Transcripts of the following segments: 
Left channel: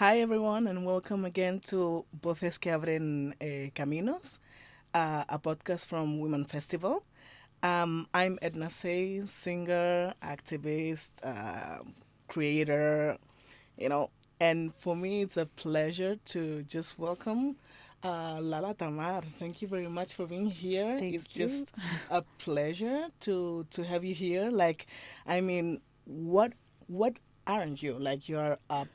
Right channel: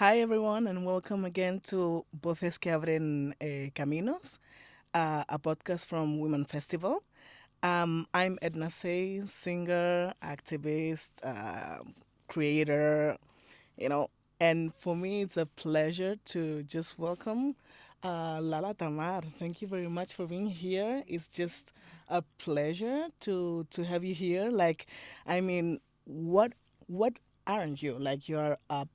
Hi, everyone, and welcome again to Voces que Abren Caminos, a podcast from Wimen Festival. I'm Edna Sey, singer, activist, creator, you know, and for me, it's a pleasure to just welcome Lala Tamar. Thank you very much for being here. Thank It's you. just a pleasure to have you here. I mean, what aren't you? Like, you're a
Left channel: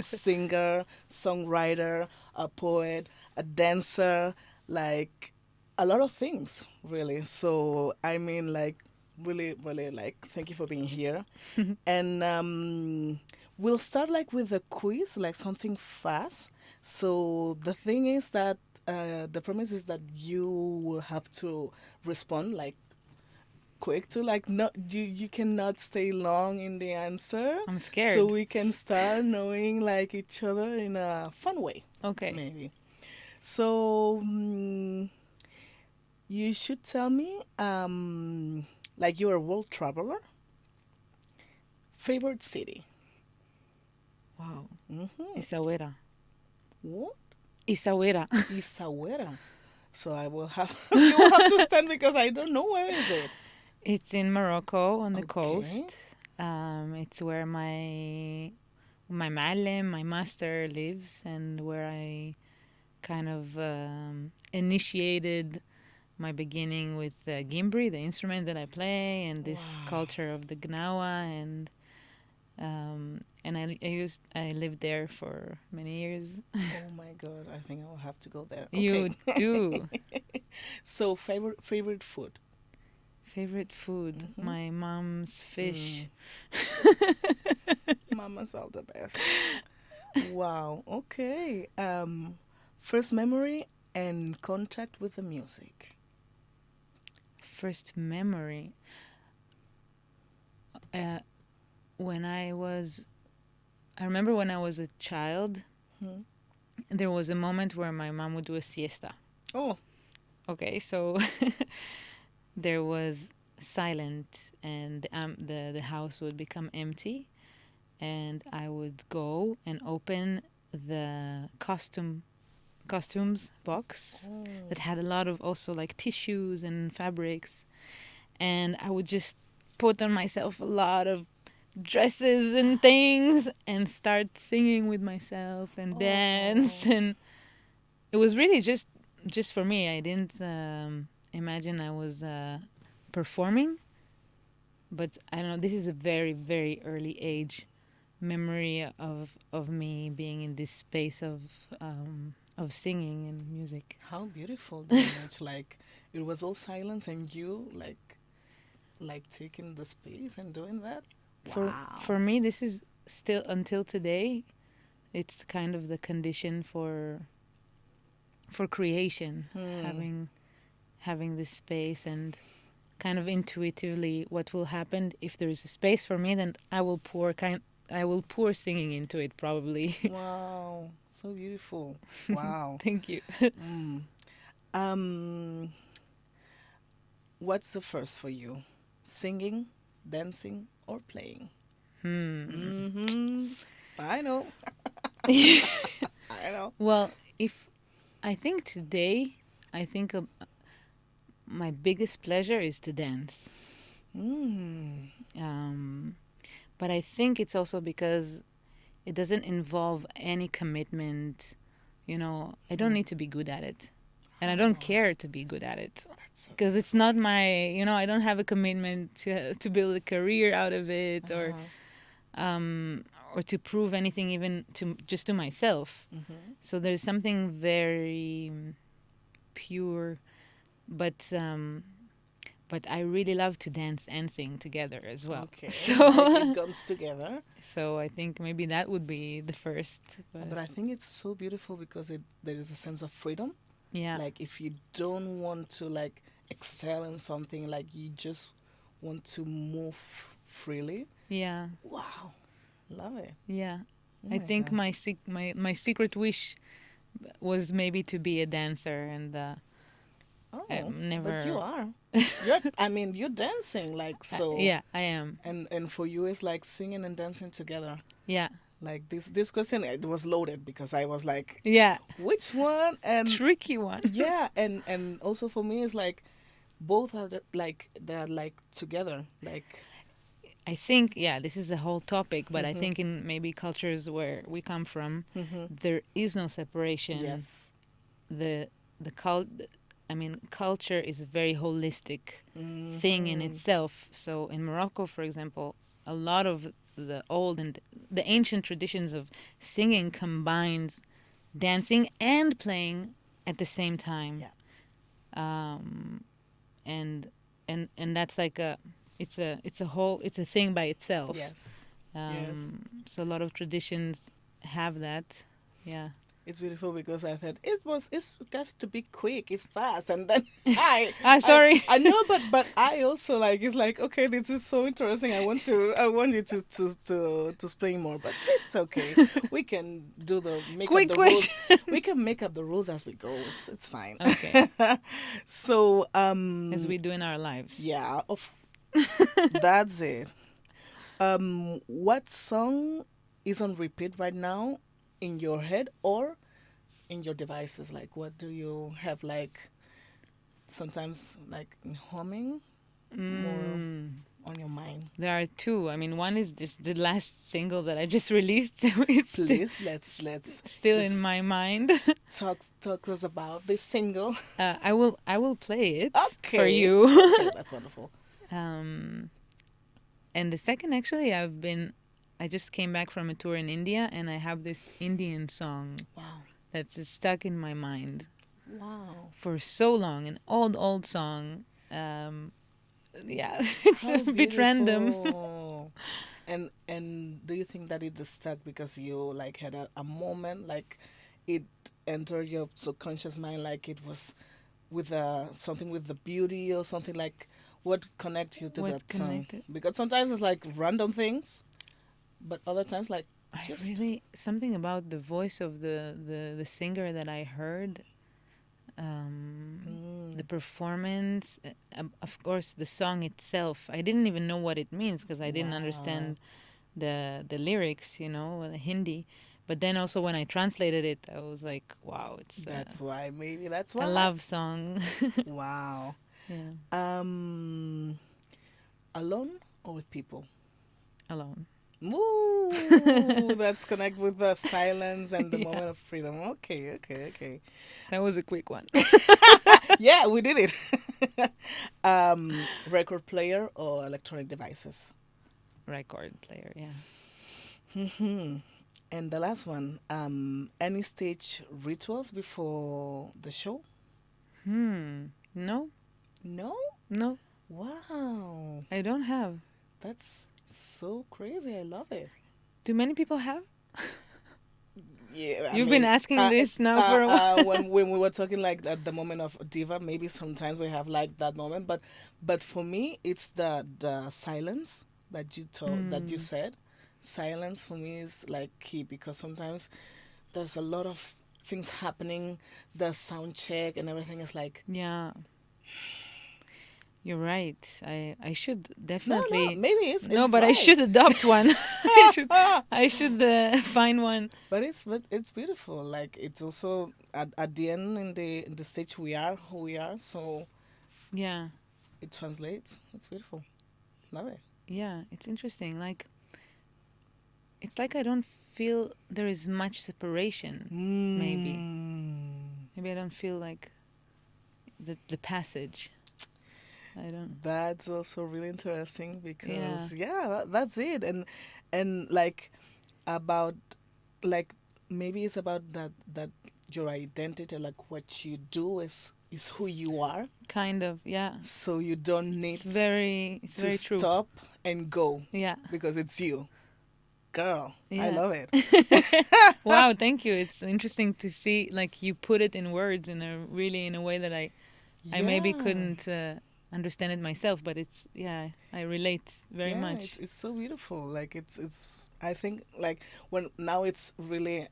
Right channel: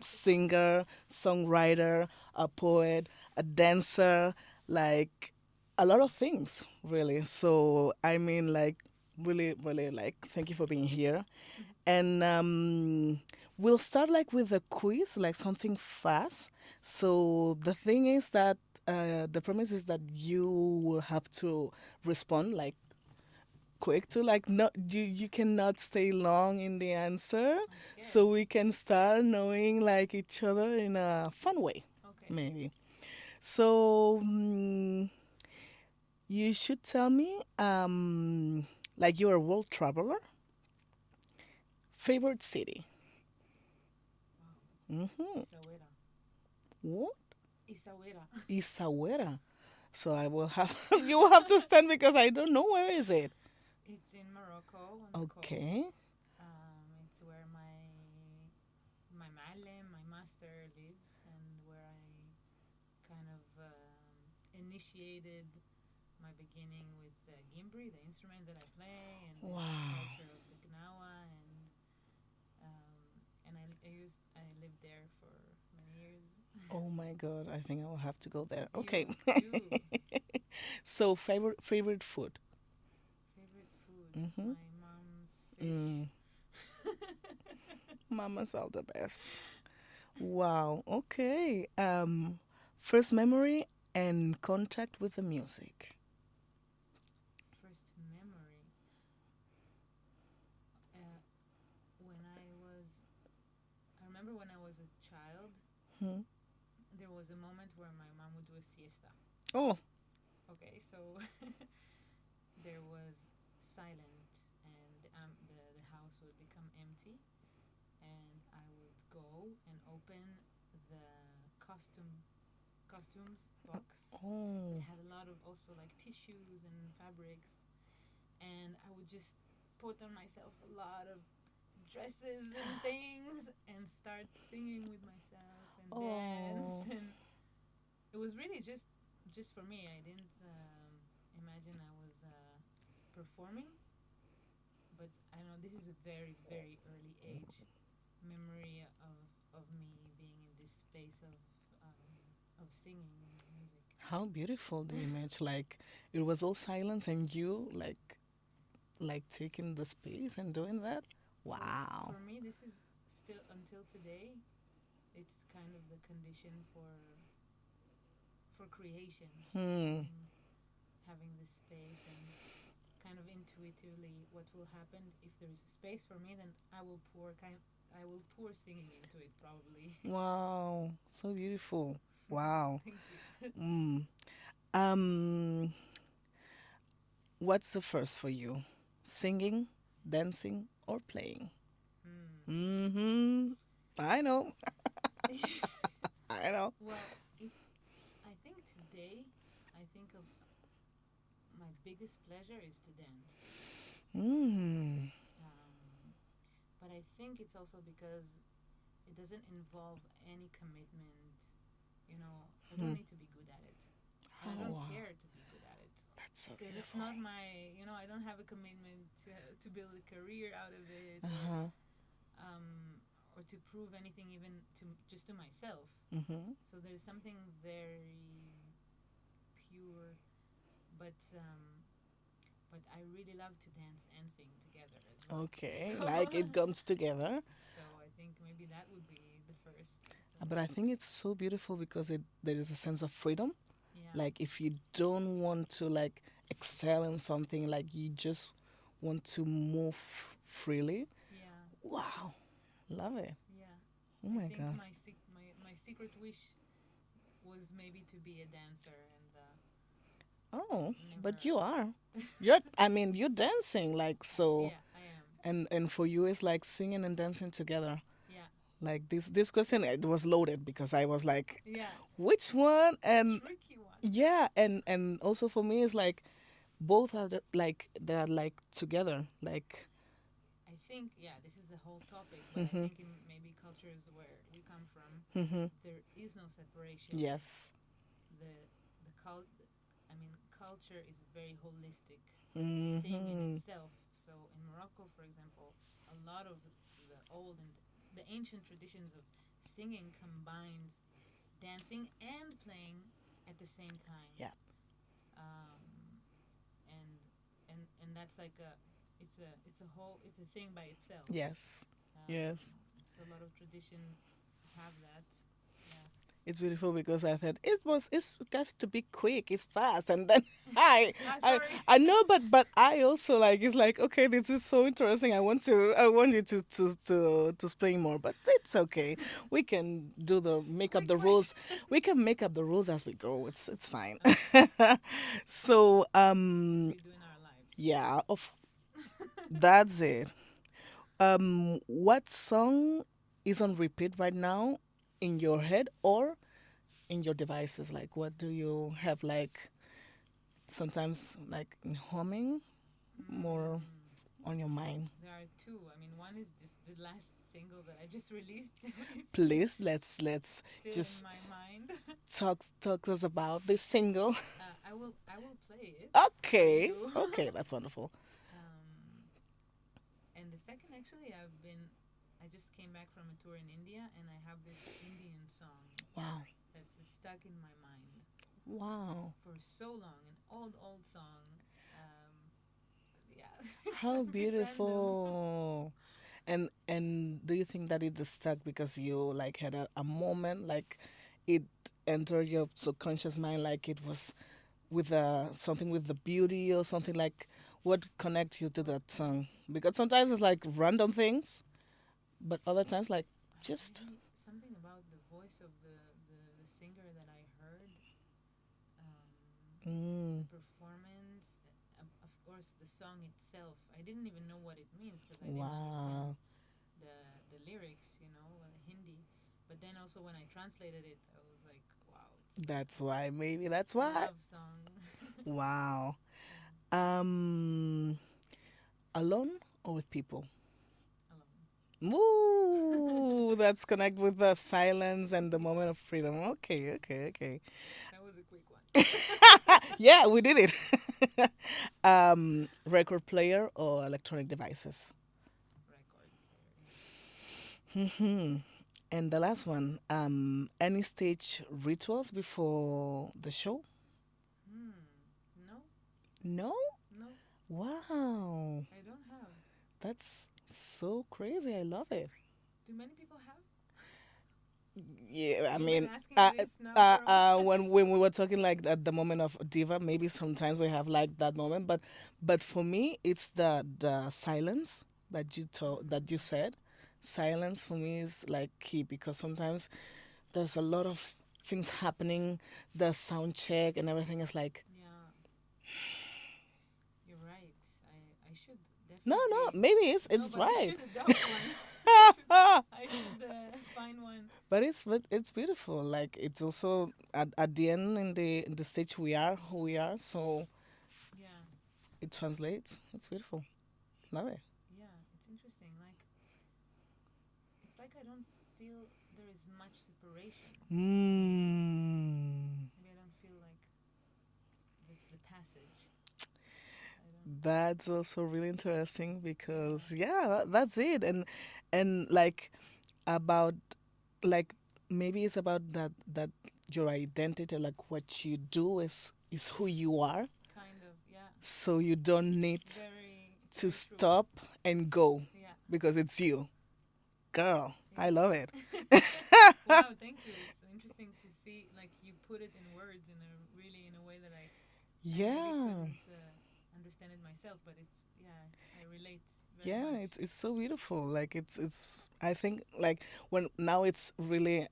singer, songwriter, a poet, a dancer, like a lot of things, really. So, really, really, thank you for being here. And we'll start with a quiz, like something fast. So, the thing is that the premise is that you will have to respond like quick to like not you cannot stay long in the answer, I'm so scared. we can start knowing like each other in a fun way, Okay. maybe. So you should tell me, like, you're a world traveler, favorite city. Wow. Mm-hmm. Isawera. What? Isawera. Isawera. So I will have you will have to stand because I don't know where is it. It's in Morocco on the Okay. coast. It's where my معلم, my master lives, and where I kind of initiated my beginning with the gimbri, the instrument that I play, and this Wow. culture of the gnawa, and I lived there for many years. Oh my God, I think I will have to go there. Okay. You do. So favorite food. Favorite food, Mm-hmm. my mom's fish. Mm, Mama's all the best. Wow. Okay. First memory and contact with the music. First memory. Uh, when I remember when I was a child, Hmm. there was a moment where my mom would do a siesta. Oh. Okay, so there was silent, and the house would become empty, and I would go and open the costumes box that Oh. had a lot of also like tissues and fabrics, and I would just put on myself a lot of dresses and things and start singing with myself and dance Oh. and it was really just for me. I didn't imagine I was performing, but I don't know. This is a very very early age memory of me being in this space of singing and music. How beautiful the image. Like, it was all silence and you like taking the space and doing that. For Wow. me, this is still until today. It's kind of the condition for creation, Hmm. having this space and kind of intuitively what will happen if there is a space for me. Then I will pour singing into it probably. Wow. So beautiful. Wow. Thank you. Mm. Um, what's the first for you? Singing, dancing, or playing? Hmm. Mm-hmm. I know. I know. Well, if I think today, I think my biggest pleasure is to dance. Mm. Um, but I think it's also because it doesn't involve any commitment. I don't Hmm. need to be good at it. And I don't Oh, care to be good at it that's so because it's beautiful. not I don't have a commitment to build a career out of it Uh-huh. um, or to prove anything even to just to myself. Mm-hmm. So there's something very pure, but I really love to dance and sing together as well. Okay, like it So comes together. so I think maybe that would be the first. But But I think it's so beautiful because there is a sense of freedom. yeah, Like, if you don't want to like excel in something, like you just want to move freely. yeah, Wow, love it. yeah. Oh I my think God. my secret wish was maybe to be a dancer, and Oh, I'm but you never. are. You're dancing like so, Yeah, I am. and for you it's like singing and dancing together. Yeah, Like this question, it was loaded because I was like, Yeah, which one? And tricky one. yeah, and also for me, it's like both are like they're like together. Like, I think, yeah, this is a whole topic, but I mm-hmm, think in maybe cultures where we come from, mm-hmm, there is no separation. yes, The the cult, I mean, culture is a very holistic thing in mm-hmm, itself. So in Morocco, for example, a lot of the old and the ancient traditions of singing combines dancing and playing at the same time. yeah, Um, and and that's like a it's a whole it's a thing by itself. yes, yes. So a lot of traditions have that. Yeah. It's beautiful because I thought it's got to be quick, it's fast, and then I Ah, sorry. I know, but I also like it's like okay, this is so interesting. I want you to explain more, but it's okay. We can do the make up Quick the rules. question. We can make up the rules as we go. It's fine. Okay. So As we do in our lives. yeah, of that's it. What song is on repeat right now in your head or in your devices? Like, what do you have, like, sometimes, like, in humming, more Mm, on your mind? there are two. I mean, one is just the last single that I just released. So it's Please, let's still in just my mind. talk to us about this single. I will play it for Okay, you. okay, that's wonderful. um, and the second, actually, I just came back from a tour in India, and I have this Indian song Wow, that's stuck in my mind wow, for so long. An old song. Yeah, it's how a bit random. beautiful. And do you think that it just stuck because you like had a moment like it entered your subconscious mind like it was with something with the beauty or something like what connect you to What that song? connected? Because sometimes it's like random things, but other times like I just really something about the voice of the singer that I heard. The mm, performance, of course, the song itself. I didn't even know what it means because I didn't wow. understand the lyrics, the Hindi. But then also when I translated it, I was like, wow, it's That's why maybe that's a why. love song. Wow. Yeah, Um, alone or with people? alone. Ooh, that's connect with the silence and the Yeah, moment of freedom. Okay, okay, okay. that was a quick one. Yeah, we did it. Record player or electronic devices? Record player, yeah. Hmm. And the last one, any stage rituals before the show? No, No? no, Wow. I don't have. That's so crazy. I love it. Do many people have? Yeah, I You've been mean, asking this now for a while. when we were talking like at the moment of diva, maybe sometimes we have like that moment, but for me, it's the silence that that you Hmm. said. Silence for me is like key because sometimes there's a lot of things happening, the sound check and everything is like Yeah, you're right. I should no, definitely. maybe No, it's but I right. should adopt one. I should find one. But it's beautiful. Like it's also at the end in the stage we are who we are, so Yeah, it translates. It's beautiful. Love it. yeah. It's interesting. Like it's like I don't feel there is much separation. Maybe Mm, maybe I don't feel like the passage. I don't. that's also really interesting Yeah. because yeah, that's it. And like about like maybe it's about that your identity, like what you do is who you are. Kind of. Yeah. So you don't It's need very. It's to very true. stop and go Yeah. because it's you. Girl, I Yeah. love it. Wow. Thank you. It's interesting to see like you put it in words in a really in a way that I maybe Yeah. couldn't understand it myself, but it's yeah, I relate very Yeah, much. it's so beautiful. Like it's I think like when now it's really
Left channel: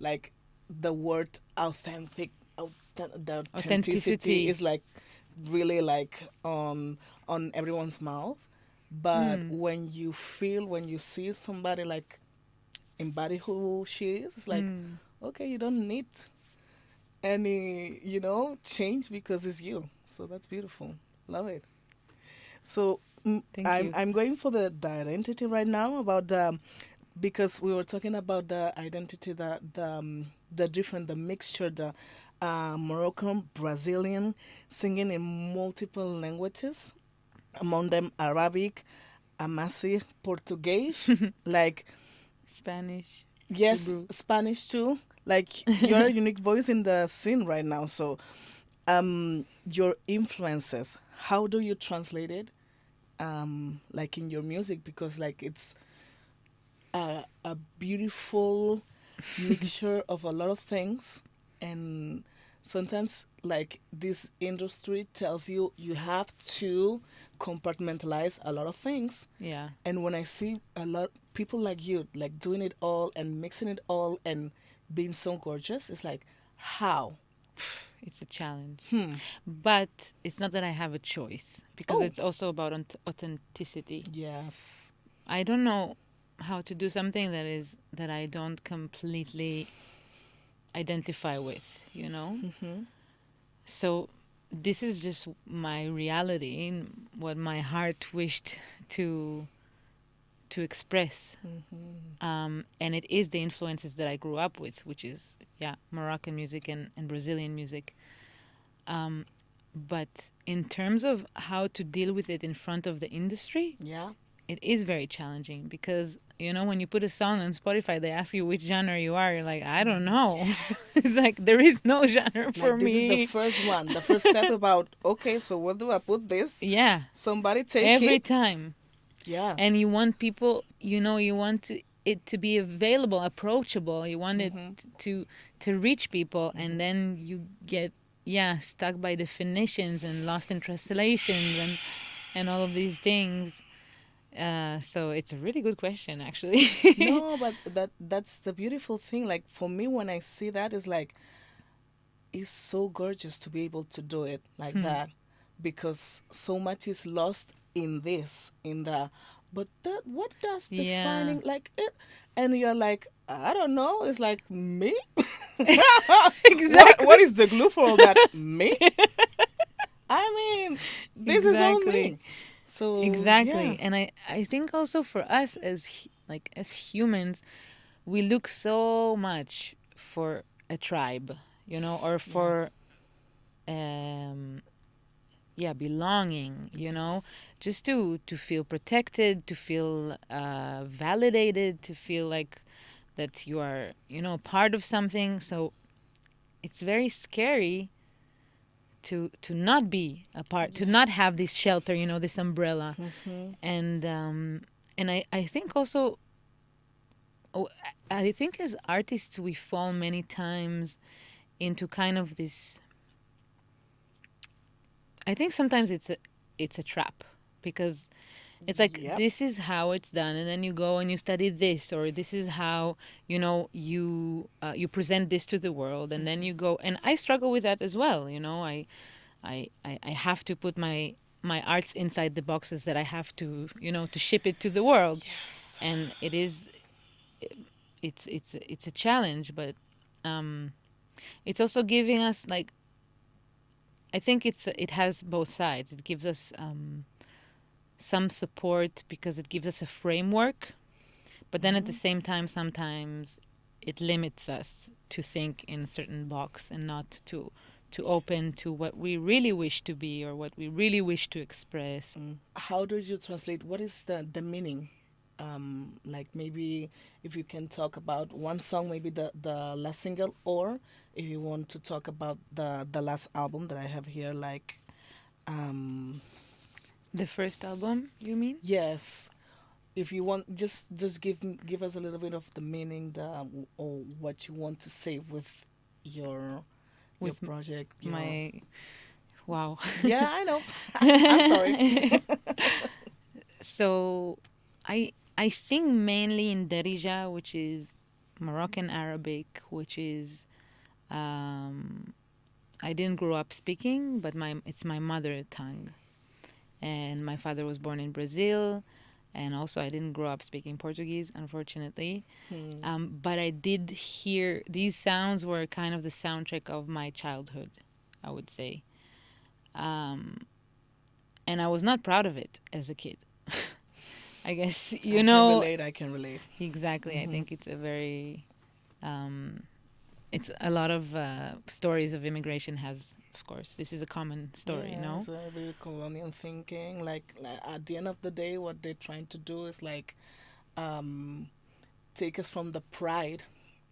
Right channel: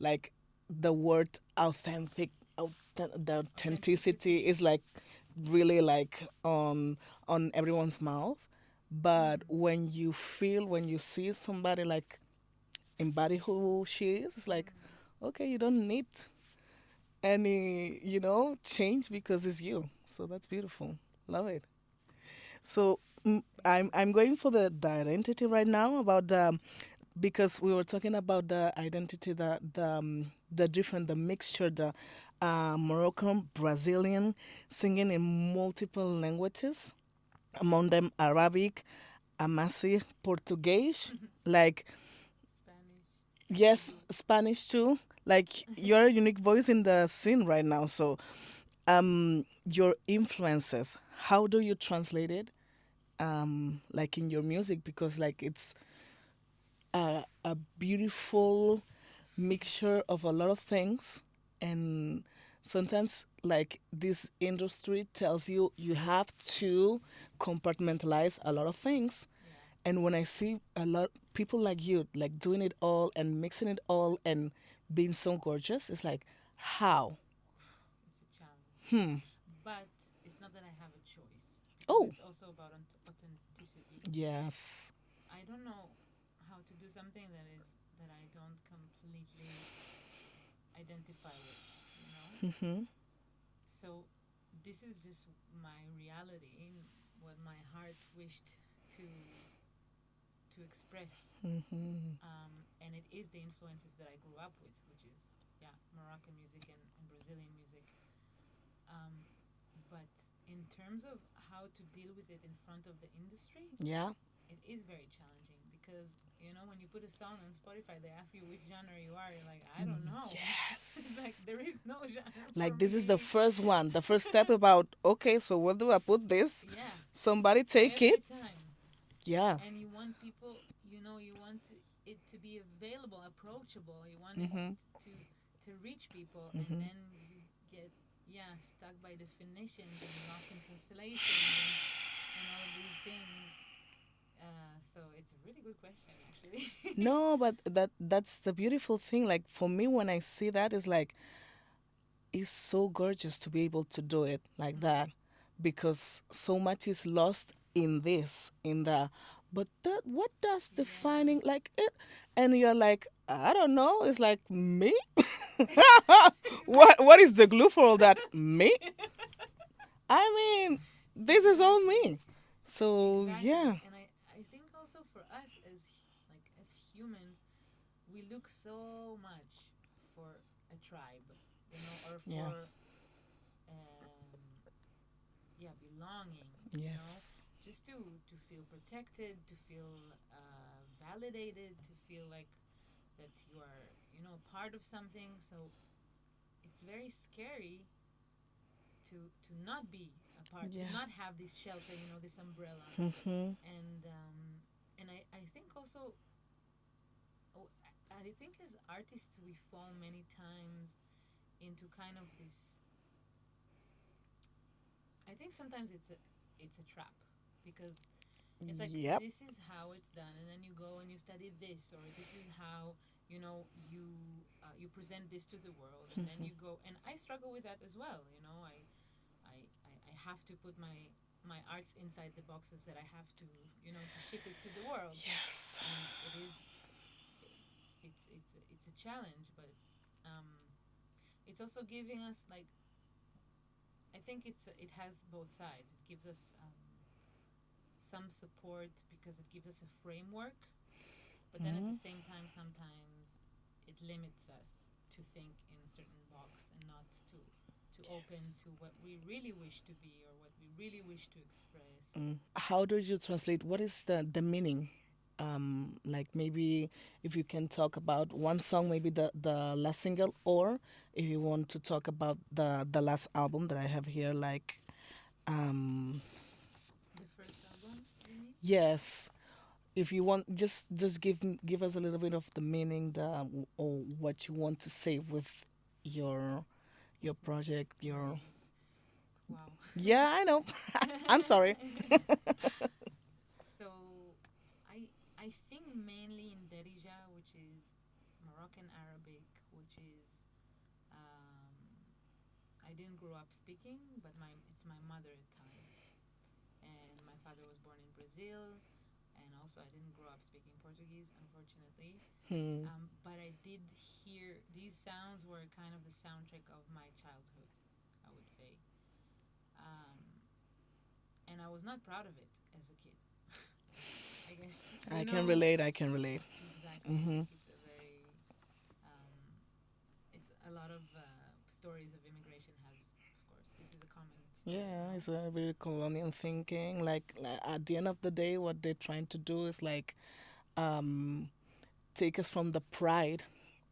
like the word authentic the authenticity Authenticity. is like really like on everyone's mouth. But Mm. when you feel when you see somebody like embody who she is. It's like, Mm. okay, you don't need any, change because it's you. So that's beautiful. Love it. So Thank I'm you. I'm going for the identity right now about the because we were talking about the identity, the different, the mixture, the Moroccan, Brazilian, singing in multiple languages, among them Arabic, Amasi, Portuguese, like Spanish, yes, Hebrew. Spanish too. Like you're a unique voice in the scene right now. So, your influences, how do you translate it? Like in your music, because like it's a beautiful mixture of a lot of things, and sometimes like this industry tells you you have to compartmentalize a lot of things. Yeah, And when I see a lot people like you like doing it all and mixing it all and being so gorgeous, it's like how. it's a challenge. Hmm. But it's not that I have a choice because Oh it's also about authenticity. yes. I don't know how to do something that I don't completely identify with, you know? Mm-hmm. So this is just my reality, what my heart wished to to express. Mm-hmm. And it is the influences that I grew up with, which is, yeah, Moroccan music and Brazilian music. Um, but in terms of how to deal with it in front of the industry, Yeah. it is very challenging because, you know, when you put a song on Spotify, they ask you which genre you are. You're like, I don't know. It's like, Yes. there is no genre for Like this is the me. first one, the first step about okay, so where do I put this? Yeah, Somebody take every it. time. Yeah. And you want people, you know, you want it to be available, approachable. You want it Mm-hmm. to reach people, and Mm-hmm. then you get, yeah, stuck by definitions and lost in translations and all of these things. So it's a really good question, actually. No, but that's the beautiful thing. Like for me, when I see that, it's like it's so gorgeous to be able to do it like Hmm. that, because so much is lost in this, in the. But that, what does Yeah, defining like it? And you're like, I don't know. It's like me. What exactly, is the glue for all that? Me. I mean, this is all exactly, me. So yeah. exactly. And I think also for us as like as humans, we look so much for a tribe, you know, or Yeah. for um yeah, belonging, you know, Yes. just to feel protected, to feel validated, to feel like that you are, you know, part of something. So it's very scary to not be a part, to Yeah. not have this shelter, you know, this umbrella. Mm-hmm. And I think also, oh, I think as artists we fall many times into kind of this. I think sometimes it's a trap because it's like Yep. this is how it's done, and then you go and you study this, or this is how, you know, you present this to the world, and then Mm-hmm. you go. And I struggle with that as well, you know. I have to put my arts inside the boxes that I have to, you know, to ship it to the world, Yes. and it is it's a challenge, but um, it's also giving us like, I think it has both sides. It gives us some support because it gives us a framework, but then at the Mm-hmm. same time, sometimes it limits us to think in a certain box and not to open Yes. to what we really wish to be or what we really wish to express. How do you translate? What is the meaning? Like maybe if you can talk about one song, maybe the last single, or if you want to talk about the last album that I have here, like um, The first album, you mean? yes, if you want, just give us a little bit of the meaning, the or what you want to say with your With project, your my wow. yeah, I know. I'm sorry. So I sing mainly in Darija, which is Moroccan Arabic, which is I didn't grow up speaking, but my it's my mother tongue. And my father was born in Brazil, And also, I didn't grow up speaking Portuguese, unfortunately. Hmm. But I did hear these sounds were kind of the soundtrack of my childhood, I would say. Um, and I was not proud of it as a kid. I guess, I can relate. I can relate. exactly. I Mm-hmm. think it's a very, um, it's a lot of stories of immigration has, of course, this is a common story, Yeah, no? it's a very colonial thinking. Like at the end of the day, what they're trying to do is like um, take us from the pride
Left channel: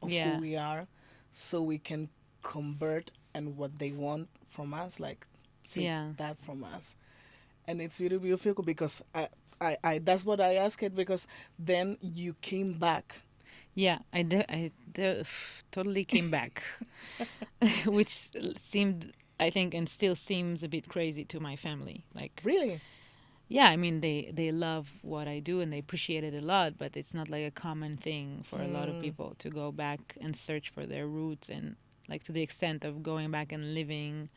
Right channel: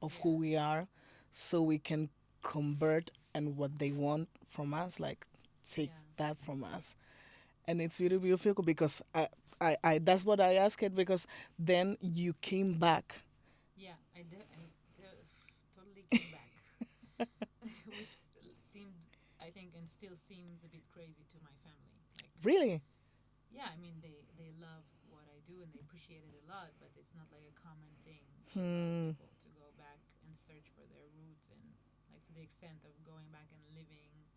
of who Yeah, we are, so we can convert and what they want from us, like take yeah, that from us. And it's really beautiful because I that's what I asked it because then you came back. yeah. Totally came back, which seemed, I think, and still seems a bit crazy to my family. Like, Really? yeah, I mean, they love what I do and they appreciate it a lot, but it's not like a common thing for a lot of Hmm. people to go back and search for their roots, and like to the extent of going back and living.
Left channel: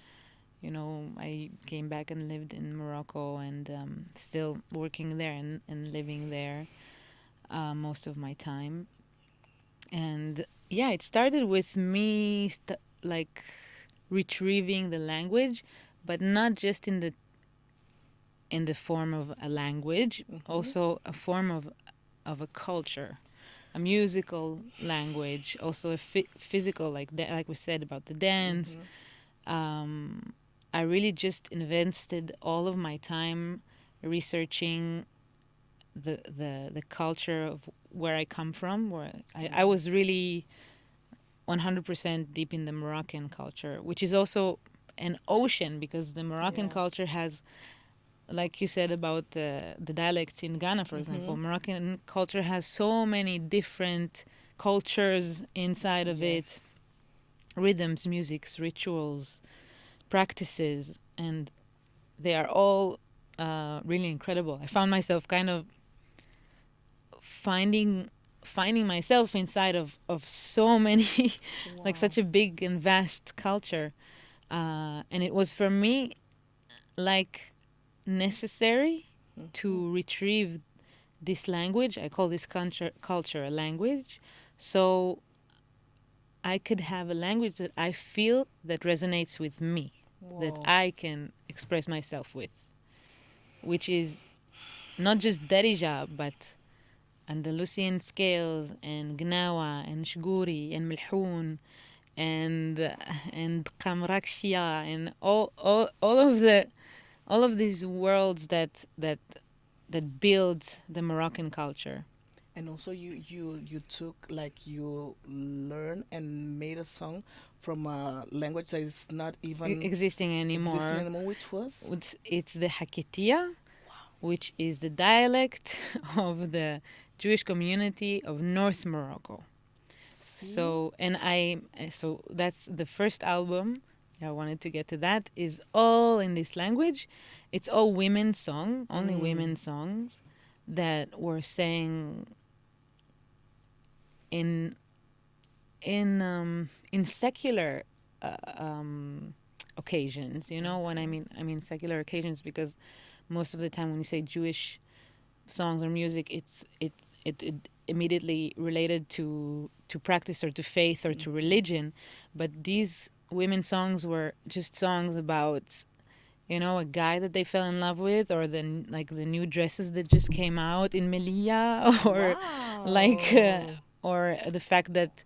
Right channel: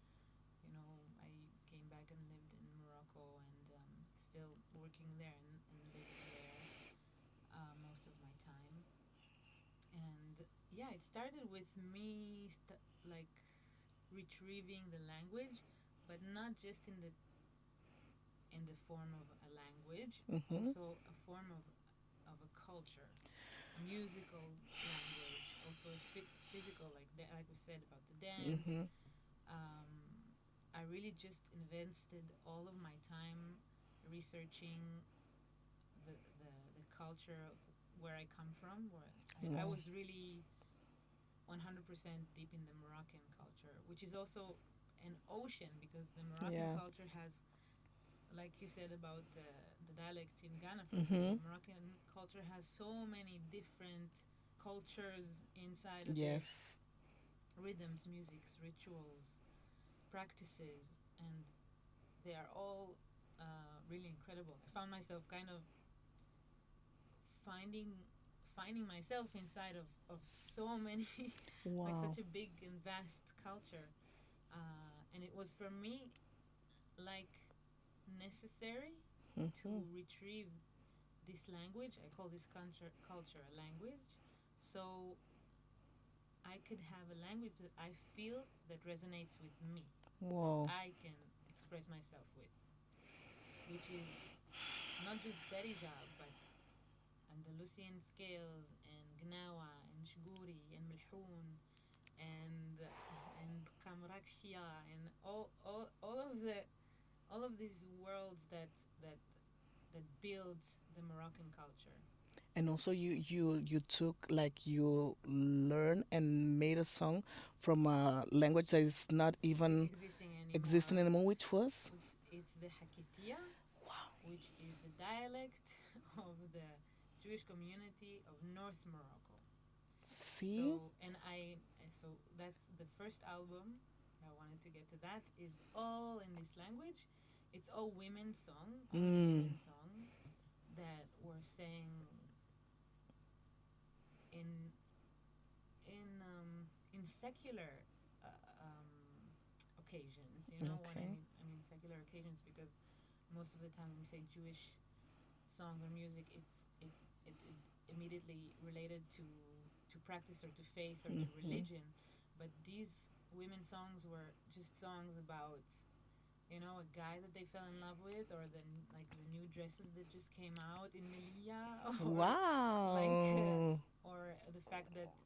You know, I came back and lived in Morocco and still working there and living there most of my time. And yeah, it started with me like retrieving the language, but not just in the form of a language, Hmm. also a form of a culture, a musical language, also a physical, like we said about the dance. Hmm. Um, I really just invested all of my time researching the culture of where I come from. Where I Wow. was really 100% deep in the Moroccan culture, which is also an ocean because the Moroccan Yeah. culture has, like you said about the dialects in Ghana, for Hmm. example, Moroccan culture has so many different cultures inside of it, Yes. rhythms, musics, rituals, practices, and they are all really incredible. I found myself kind of finding myself inside of so many like Wow. such a big and vast culture, and it was for me like necessary Hmm. to retrieve this language. I call this culture a language, so I could have a language that I feel that resonates with me, that Wow. I can express myself with, which is not just Darija, but Andalusian scales and Gnawa and Shguri and Milhoun and Kamrakshia and all of these worlds that build the Moroccan culture. And also you took like you learn and made a song from a language that is not even Existing existing anymore. anymore, which was It's the Hakitia, which is the dialect of the Jewish community of North Morocco. see. So that's the first album. I wanted to get to that. Is all in this language. It's all women song, only Mm. women songs that were sang in in secular uh, um, occasions. You know, when Okay. I mean secular occasions because most of the time when you say Jewish songs or music, it immediately related to practice or to faith or to Hmm. religion. But these women songs were just songs about, you know, a guy that they fell in love with, or like the new dresses that just came out in Melilla, or like Wow. or the fact that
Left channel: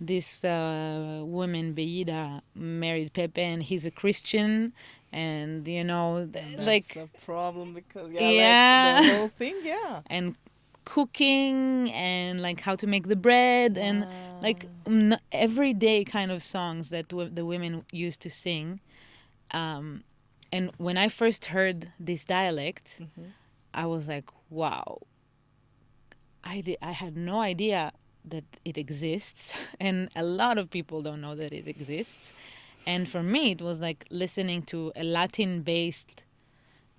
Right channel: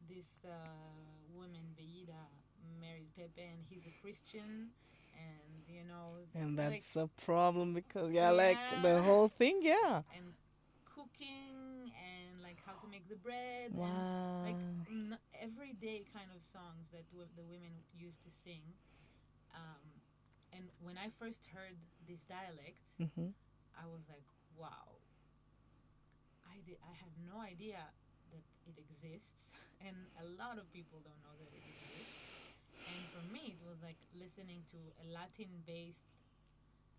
this woman Beida married Pepe and he's a Christian, and you know, And that's like a problem because yeah, like the yeah, whole thing, yeah. and cooking and like how to make the bread and like Wow. everyday kind of songs that the women used to sing. Um, and when I first heard this dialect, Hmm. I was like, wow, I had no idea that it exists. And a lot of people don't know that it exists. And for me, it was like listening to a Latin based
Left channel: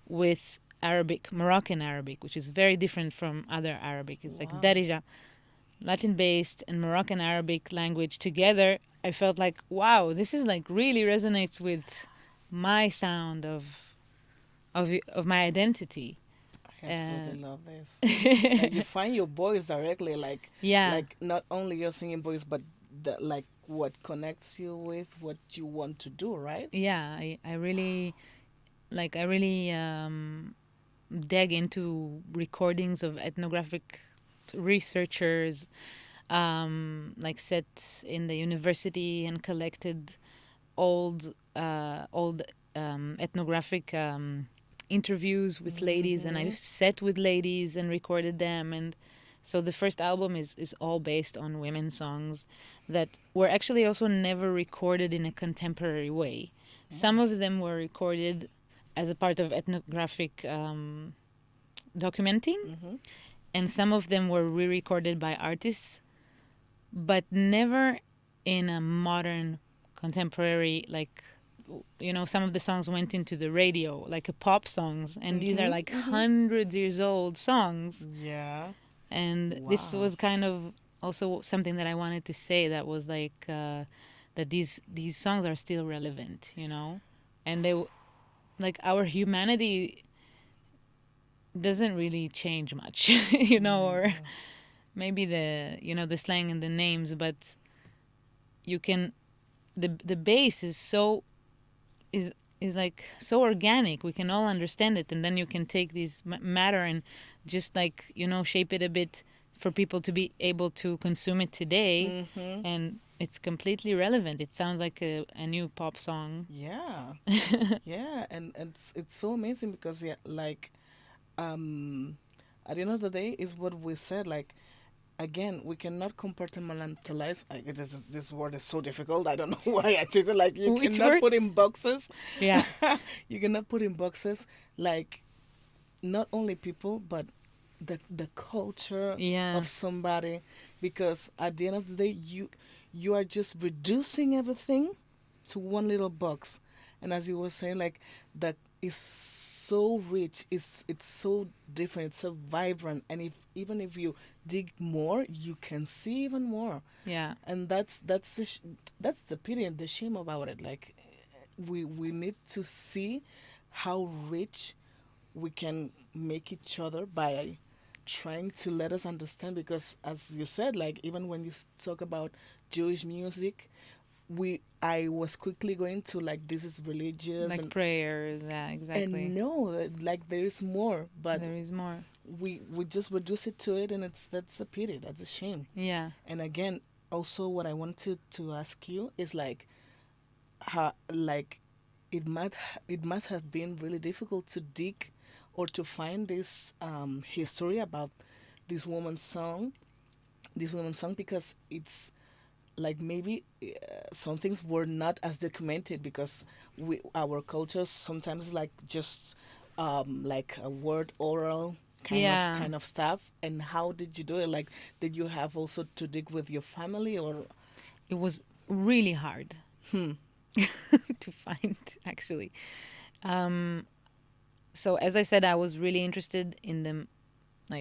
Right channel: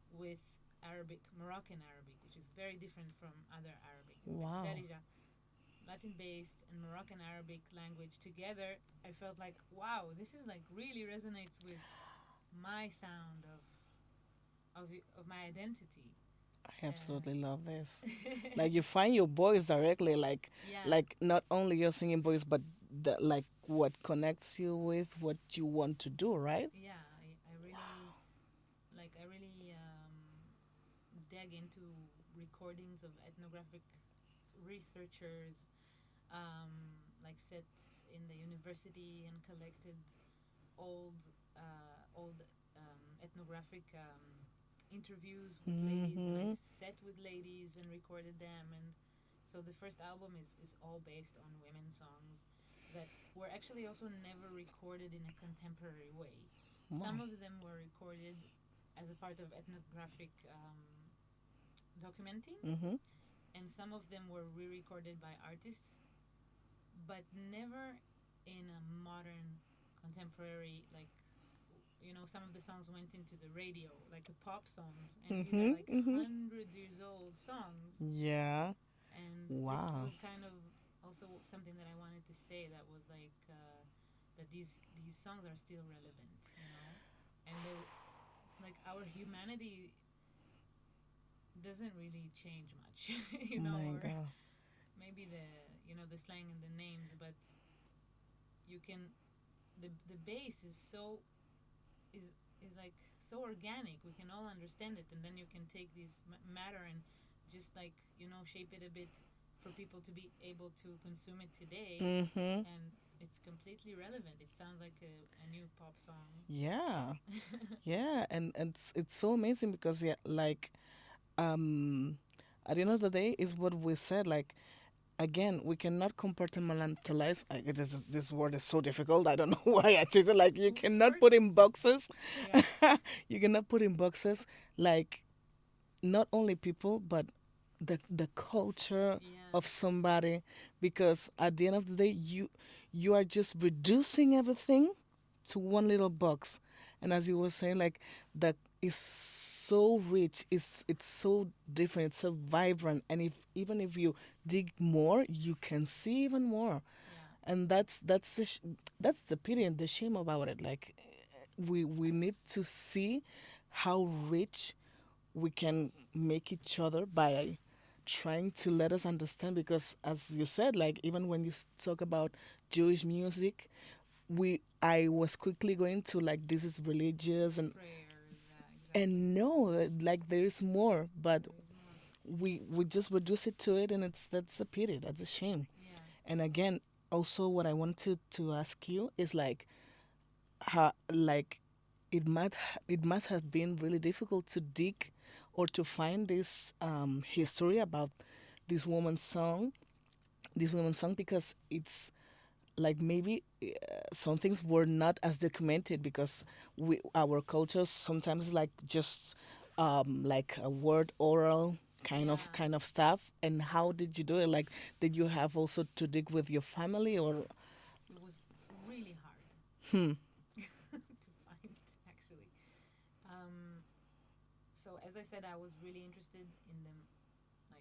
with Arabic, Moroccan Arabic, which is very different from other Arabic. It's like Wow. Darija, Latin based and Moroccan Arabic language together. I felt like, wow, this is like really resonates with my sound of my identity. absolutely Uh, love this. Like you find your voice directly, yeah, like not only your singing voice, but the like what connects you with what you want to do, right? yeah. I really I really dug into recordings of ethnographic researchers, like set in the university and collected old ethnographic interviews with ladies, and Mm-hmm. I've sat with ladies and recorded them. And so the first album is all based on women songs that were actually also never recorded in a contemporary way. Some Oh. of them were recorded as a part of ethnographic documenting, Mm-hmm. and some of them were re-recorded by artists, but never in a modern contemporary, like, some of the songs went into the radio like a pop songs, and these are Mm-hmm. like Mm-hmm. hundreds years old songs. Yeah. And this Wow. was kind of also something that I wanted to say, that was that these songs are still relevant, and like our humanity doesn't really change much, Oh my or God. maybe the slang and the names, but you can the base is is like so organic, we can all understand it, and then you can take these matter and just like shape it a bit for people to be able to consume it today, Mm-hmm. and it's completely relevant. It sounds like a new pop song. Yeah. Yeah. And it's so amazing because yeah, like um at the end of the day is what we said, like again, we cannot compartmentalize. This word is so difficult. I don't know why I choose it. Like you Which cannot word? put in boxes. Yeah. You cannot put in boxes like not only people but the culture Yeah. of somebody, because at the end of the day you are just reducing everything to one little box. And as you were saying, like that is so rich, it's so different, it's so vibrant, and if even if you dig more you can see even more. Yeah. And that's the pity and the shame about it. Like we need to see how rich we can make each other by trying to let us understand, because as you said, like even when you talk about Jewish music, we I was quickly going to like this is religious, Like prayers. Yeah, exactly. and no, like there is more, but There is more. we just reduce it to it, and that's a pity, that's a shame. Yeah. And again, also what I want to ask you is like how like it must have been really difficult to dig or to find this history about this woman's song this woman's song, because it's like maybe some things were not as documented, because our culture sometimes is like just like a word oral Yeah. kind of stuff. And how did you do it? Like, did you have also to dig with your family or? It was really hard Hmm. to find, actually. Um, so as I said, I was really interested in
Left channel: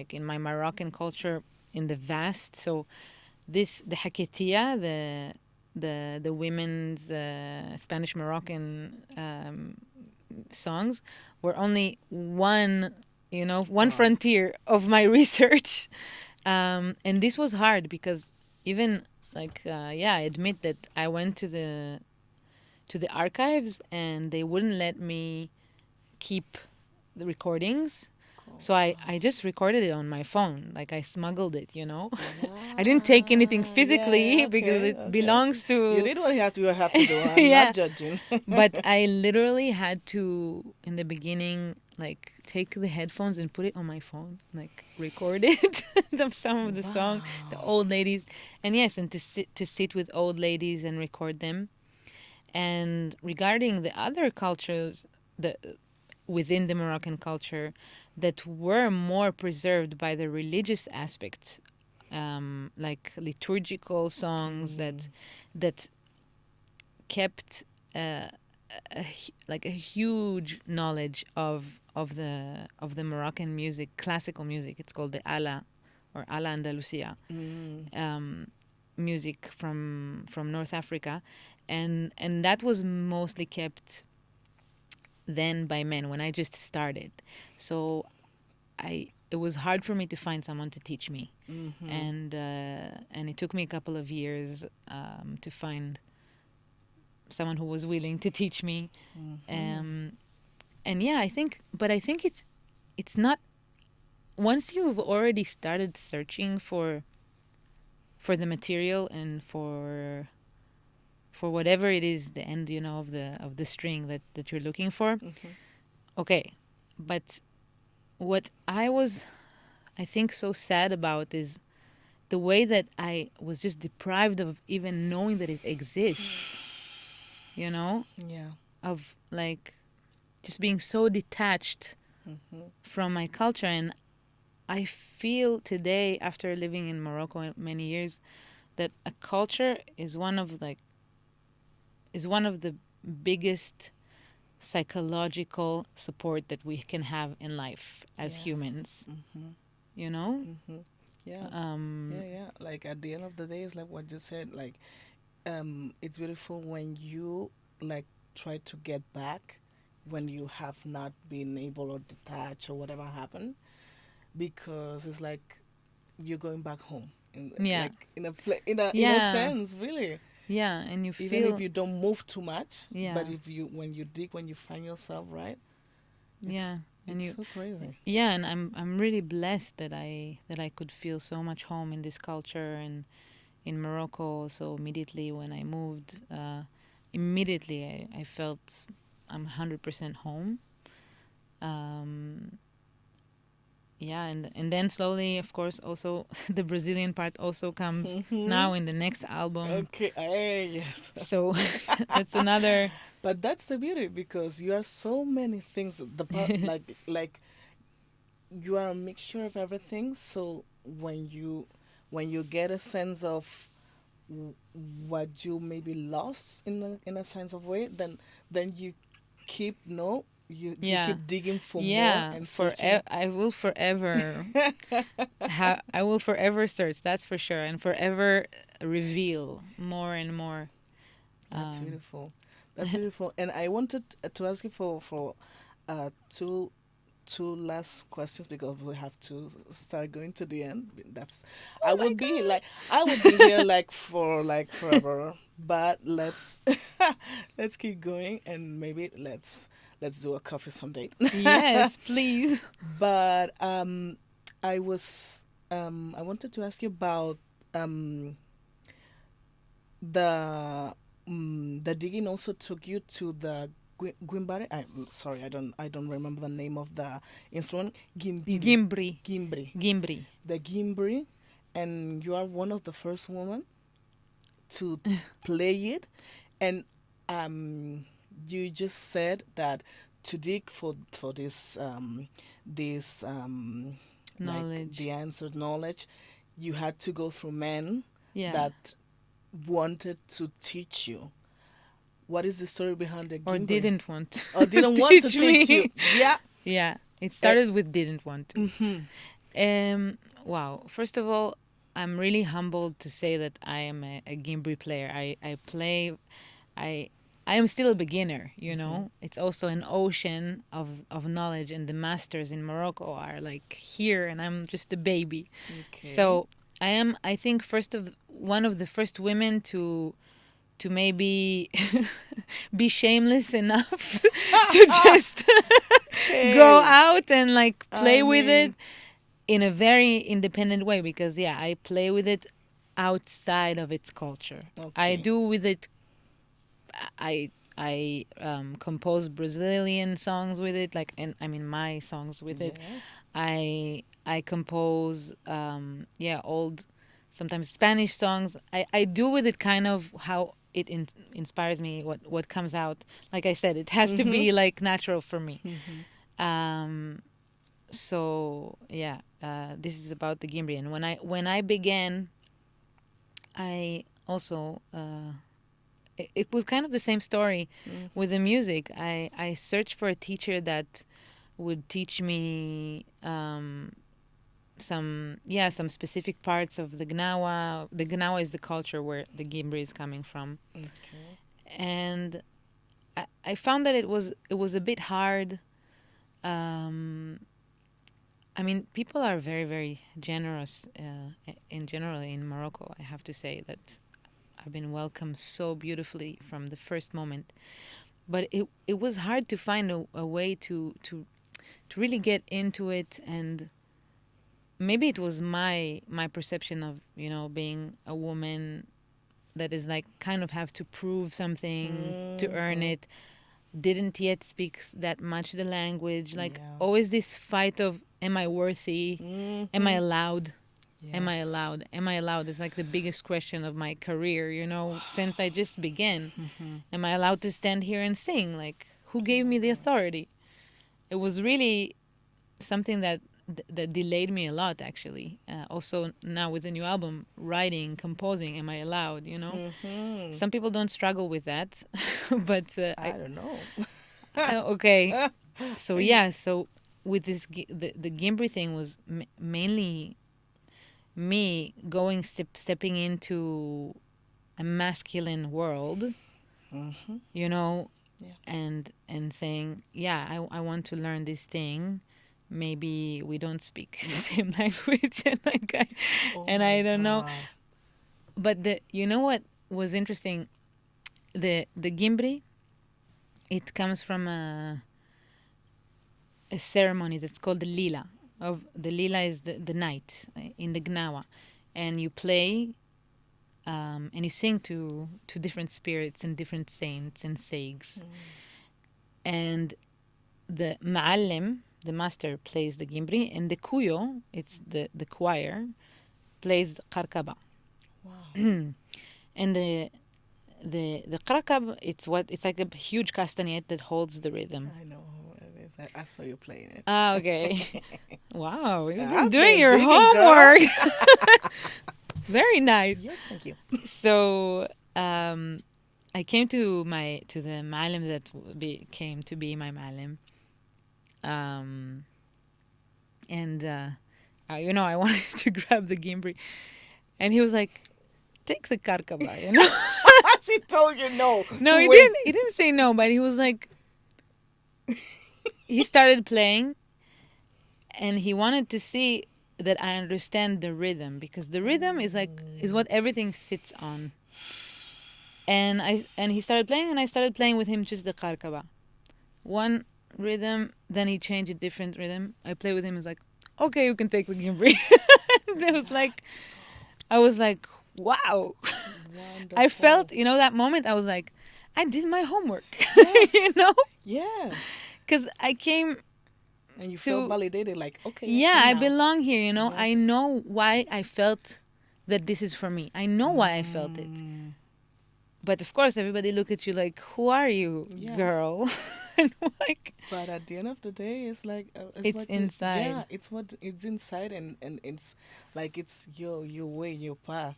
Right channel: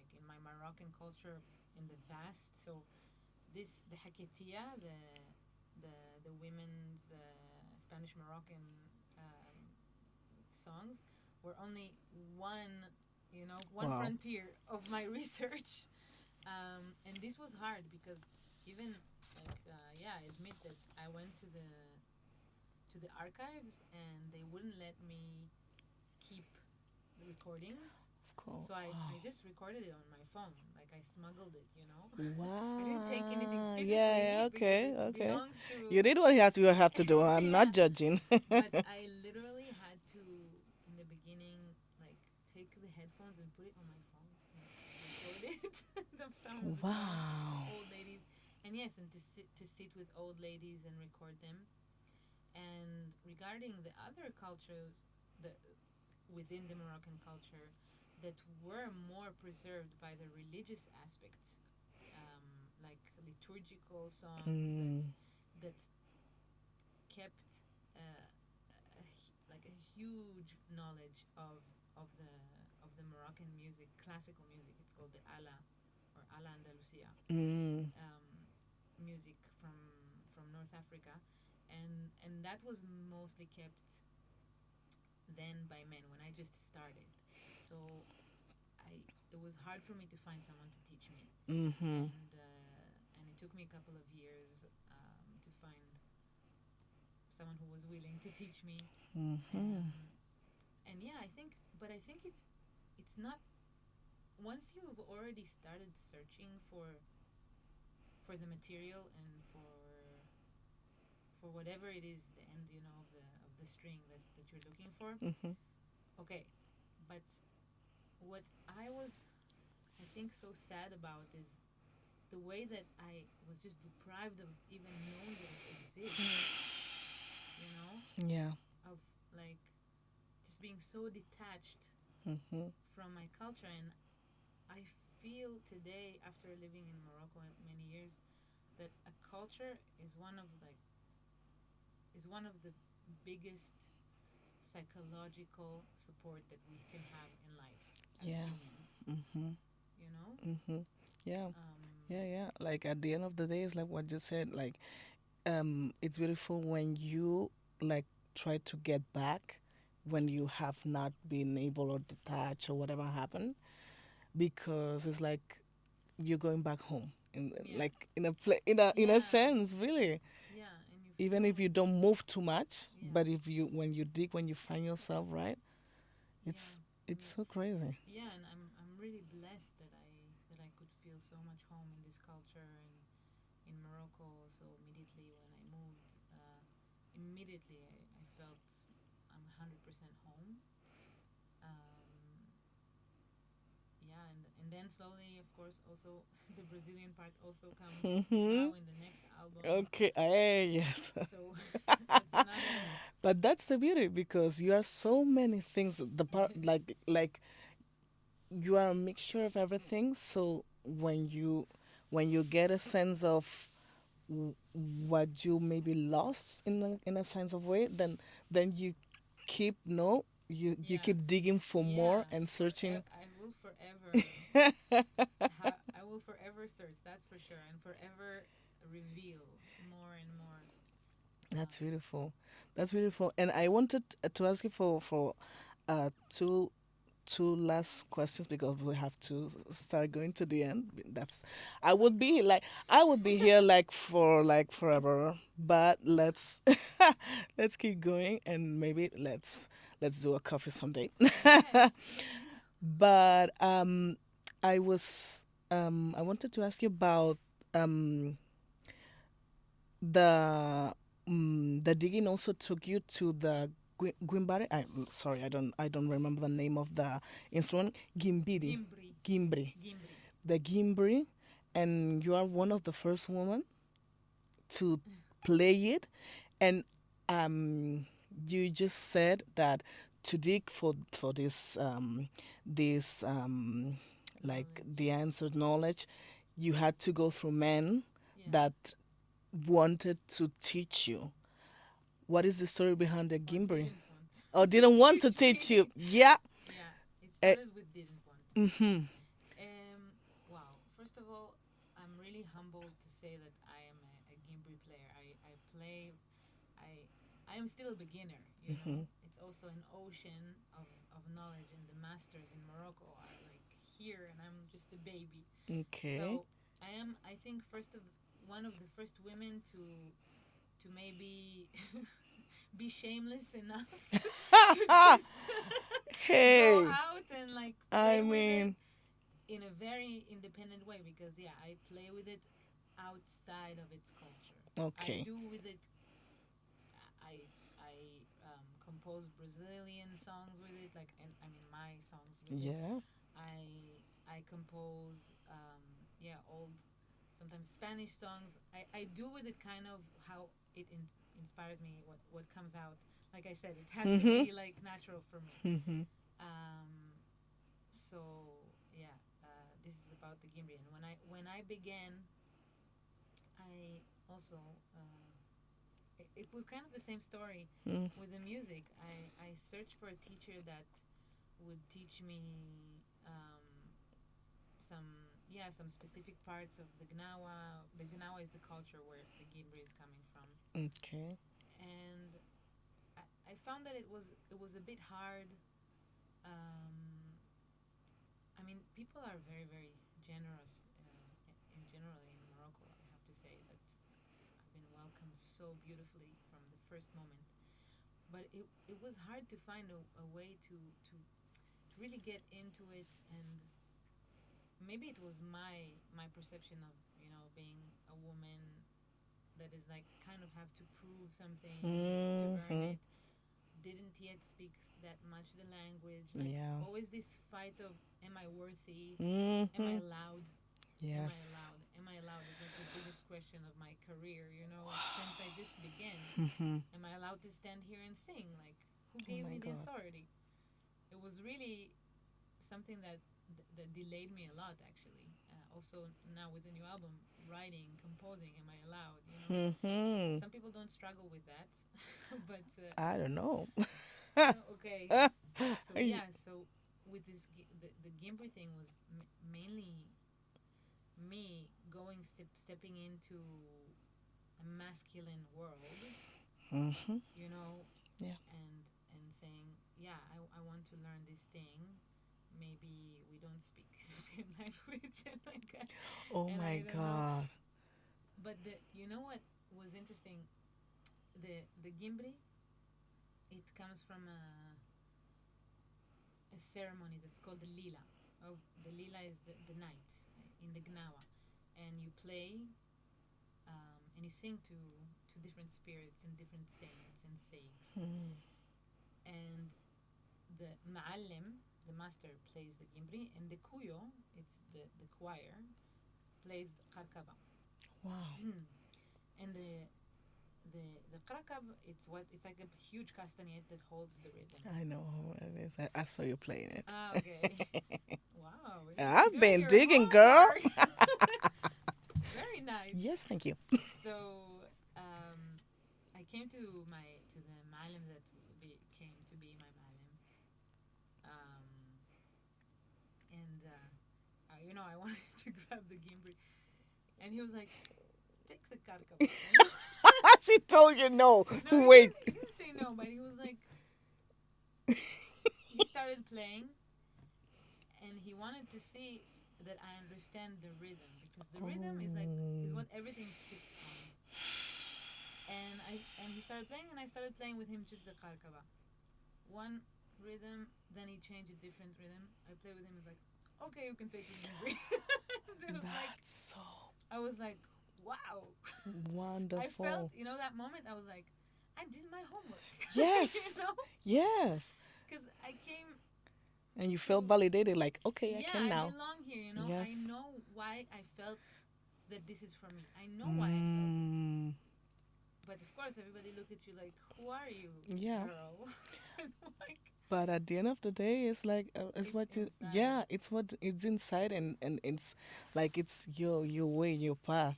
in my Moroccan culture, in the vast. So the Haketia, the women's Spanish Moroccan songs, were only one Wow. frontier of my research. And this was hard because even I admit that I went to the archives and they wouldn't let me keep the recordings. Cool. So I Wow. just recorded it on my phone. Like I smuggled it. I didn't take anything Wow. Yeah. physically because Okay. it Okay. belongs You to did what you have to do. I'm not yeah. judging. But I literally had to, in the beginning, like take the headphones and put it on my phone, like record it, some of the song, the Wow. old ladies, and yes, and to sit with old ladies and record them. And regarding the other cultures, the within the Moroccan culture, that were more preserved by the religious aspect, like liturgical songs Mm. that kept like a huge knowledge of the Moroccan music, classical music. It's called the ala or ala Andalusia, Mm. um, music from North Africa, and that was mostly kept then by men when I just started. So it was hard for me to find someone to teach me, Mm-hmm. and it took me a couple of years to find someone who was willing to teach me. Mm-hmm. And yeah, I think it's not, once you've already started searching for the material and for whatever it is, the end, of the string that you're looking for. Mm-hmm. Okay, but what I think so sad about is the way that I was just deprived of even knowing that it exists, you know, Yeah. of like just being so detached Mm-hmm. from my culture. And I feel today, after living in Morocco many years, that a culture is one of the biggest psychological support that we can have in life as Yeah. humans, Mm-hmm. you know? Mm-hmm. Yeah. Um, Yeah, yeah. Like at the end of the day, it's like what you said. Like, it's beautiful when you like try to get back when you have not been able or detached or whatever happened, because it's like you're going back home in yeah, like in a yeah, sense, really. yeah, and you Even if feel, you don't move too much, yeah, but if you when you dig, when you find yourself, right, yeah, it's and it's you, so crazy. yeah, and I'm really blessed that I could feel so much home in this culture and in Morocco. So immediately when I moved, immediately I felt I'm 100% home. Um, yeah, and then slowly, of course, also the Brazilian part also comes Hmm. now in the next album. Okay, yes. So that's another. But that's the beauty, because you are so many things. The part like you are a mixture of everything. So when you get a sense of what you maybe lost in a sense of way, then you keep no you Yeah, keep digging for more yeah. and For searching. I will forever I will forever search. That's for sure, and forever reveal more and more. That's Um, beautiful. That's beautiful. And I wanted to ask you for two last questions, because we have to start going to the end. That's I oh my would be god! like I would be here like for like forever. But let's let's keep going, and maybe let's do a coffee someday. Yes, please. But I wanted to ask you about um the the digging also took you to the Guimbare. I'm sorry, I don't remember the name of the instrument. Gimbiri, Gimbri, Gimbri, Gimbri. the Gimbri, and you are one of the first women to play it. And um, you just said that to dig for this like Knowledge. the answered knowledge, you had to go through men Yeah. that wanted to teach you. What is the story behind the Or Gimbri? didn't want Or to didn't want to teach teach you? me. Yeah. Yeah. It Eh, started with didn't want to. mm-hmm. Wow. First of all, I'm really humbled to say that I am a Gimbri player. I play. I I am still a beginner. Mm-hmm. It's also an ocean of knowledge, and the masters in Morocco are like here, and I'm just a baby. Okay. So I am. I think one of the first women to maybe be shameless enough to just go Hey, out and like I play with it mean, in a very independent way, because yeah, I play with it outside of its culture. I okay. do with it. I compose Brazilian songs with it, like, and I mean my songs with it. Yeah. I compose yeah, old, sometimes Spanish songs. I do with it kind of how it inspires me, what comes out. Like I said, it has to Mm-hmm. be like natural for me. Mm-hmm. Um, so yeah, this is about the Gimbri. And when I began, I also it was kind of the same story Mm. with the music. I searched for a teacher that would teach me some specific parts of the Gnawa. The Gnawa is the culture where the Gimbri is coming from, Okay. and I found that it was a bit hard. Um, I mean, people are very, very generous in general in Morocco. I have to say that I've been welcomed so beautifully from the first moment. But it was hard to find a way to really get into it, and maybe it was my perception of, being a woman that is like kind of have to prove something to earn Mm-hmm. it. Didn't yet speak that much the language. Like Yeah. always this fight of, am I worthy? Am I Mm-hmm. allowed? Am I Yes. allowed? Am I allowed? It's like the biggest question of my career, since I just began. Mm-hmm. Am I allowed to stand here and sing? Like, who Oh gave my me the God. authority? It was really something that delayed me a lot, actually. Also, now with the new album, writing, composing, am I allowed? Mm-hmm. Some people don't struggle with that, but I don't know. okay. So Y- yeah, so with the Gimbri thing was mainly me stepping into a masculine world, mm-hmm. you know, Yeah. and saying, yeah, I want to learn this thing. Maybe we don't speak the same language, and Oh and my I don't know. God. But what was interesting, the Gimbri, it comes from a ceremony that's called the Lila. Of the Lila is the night in the Gnawa, and you play and you sing to different spirits and different saints and seigs. And the Ma'allim, the master, plays the Gimbri, and the Kuyo, it's the choir, plays Qarkaba. Wow. And the Qarkab, it's like a huge castanet that holds the rhythm. I know who it is. I saw you playing it. Ah, okay. Wow, you've been I've doing been your digging, girl. homework. Very nice. Yes, thank you. So, I came to the Ma'alim that came to be my Ma'alim. Um, and I wanted to grab the Gimbri, and he was like, "Take the Karkaba." She told you no. No, he Wait. didn't. He didn't say no, but he was like, he started playing, and he wanted to see that I understand the rhythm, because the rhythm is what everything sits on. And he started playing, and I started playing with him just the Karkaba. One rhythm, then he changed a different rhythm. I play with him. He's like, okay, you can take the Gimbri. It was like, That's so I was like, wow. I wonderful. felt, that moment, I was like, I did my homework, you Yes. know? Yes. Because I came And you felt to, validated, like, okay, I yeah, can I now. belong here, I Yes. know why I felt that this is for me. I know why I felt it. Mm, But of course, everybody look at you like, who are you, yeah. girl? And like, But at the end of the day, it's like it's it's what you, inside. yeah, it's inside, and it's like it's your way, your path.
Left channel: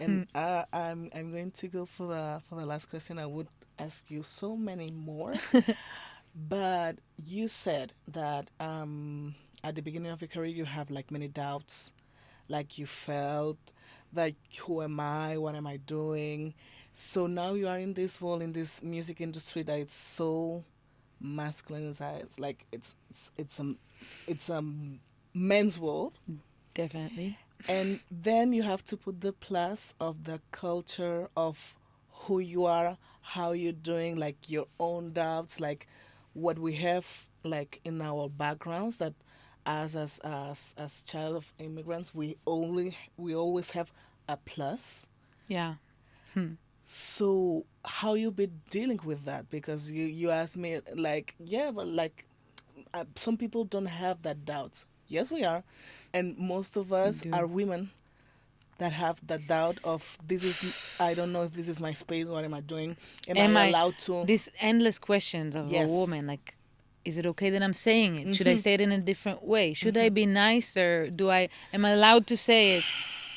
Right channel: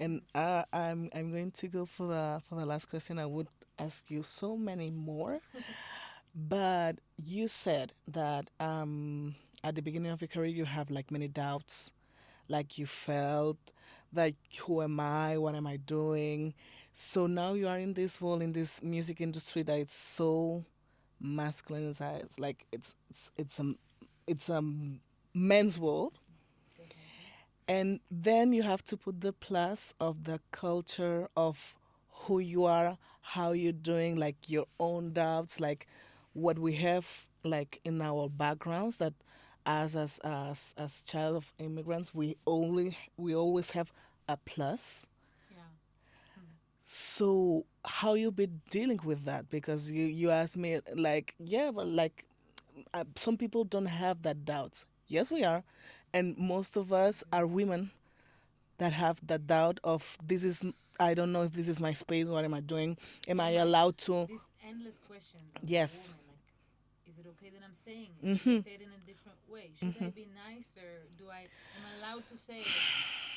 And I'm going to go for the last question. I would ask you so many more, but you said that at the beginning of your career you have like many doubts, like you felt like, who am I, what am I doing? So now you are in this world, in this music industry that it's so masculine inside. It's like it's a men's world, Definitely. and then you have to put the plus of the culture of who you are, how you're doing, like your own doubts, like what we have like in our backgrounds, that as child of immigrants, we always have a plus. Yeah. So how you been dealing with that? Because you asked me like, yeah, but like some people don't have that doubt. Yes, we are, and most of We us do. are women that have that doubt of, this is, I don't know if this is my space. What am I doing? Am I Am I allowed to? these endless questions of a Yes. woman, like, is it okay that I'm saying it? Should I Mm-hmm. say it in a different way? Should I Mm-hmm. be nicer? Am I allowed to say it?